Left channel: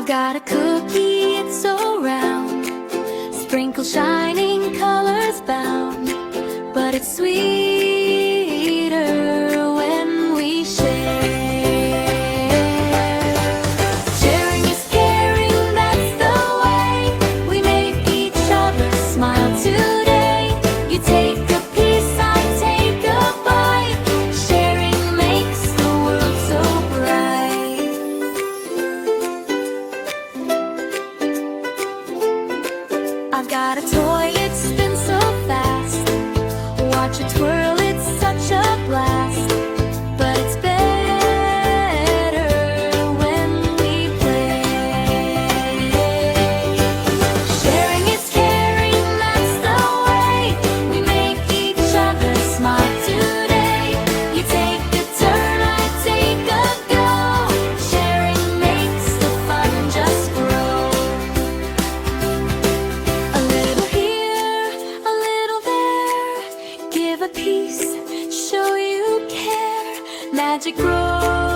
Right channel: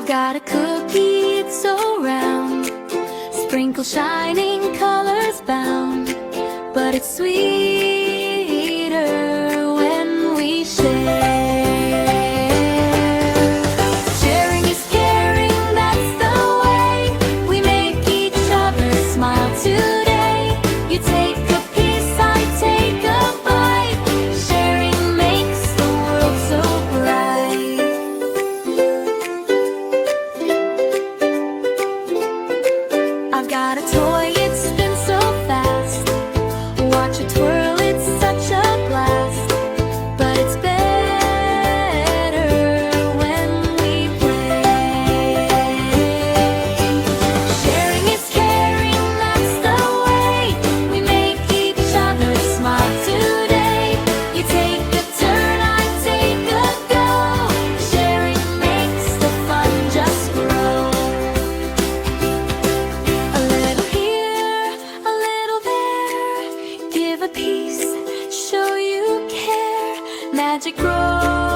I've got a cookie, it's so round, sprinkle shining colors bound, but it's sweeter when we share. Sharing is caring, that's the way we make each other smile today. You take a piece, I take a bite. Sharing makes the world so bright. I've got a toy, it spins so fast. Watch it twirl, it's such a blast. But it's better when we play. Sharing is caring, that's the way we make each other smile today. You take a turn, I take a go. Sharing makes the fun just grow. A little here, a little there. Give a piece, show you care. Magic grows.